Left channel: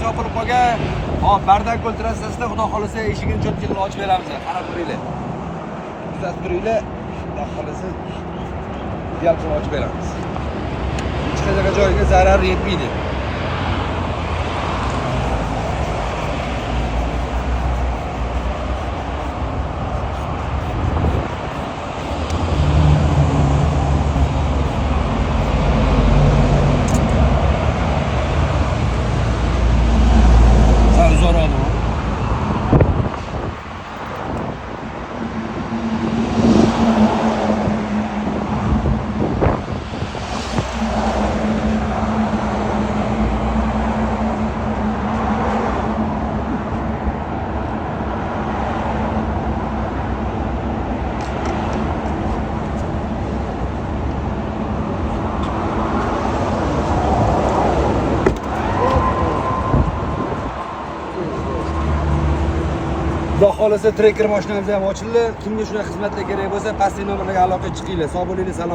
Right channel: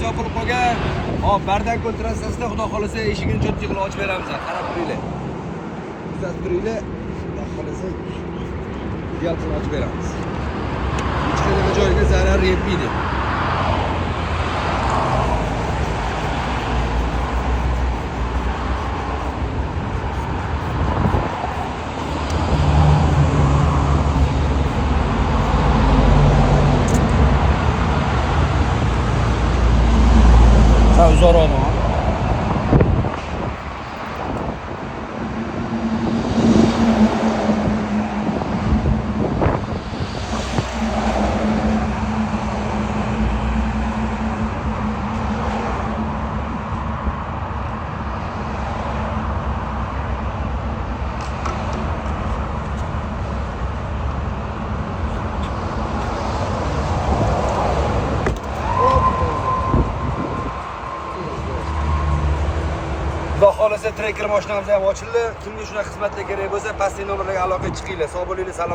yo'llanmasi yopilib qolgan. Hop, bardan ko'ltirasizda, xudo xolasa eshigini cho'tki qilib ochib beramiz. Qarab turinglar. Kuzatib turinglar. Xudo xolasa yalqin ochib beramiz. Hech qanaqa joyga zarar yetmaydi. Zor oldu. Xudo xolasa trekker mashinamiz ham ochildi. Kimga shunaqa xizmatlar kerak bo'lsa, pastki nomerlarga aloqaga chiqinglar. Sog' bo'linglar, salom.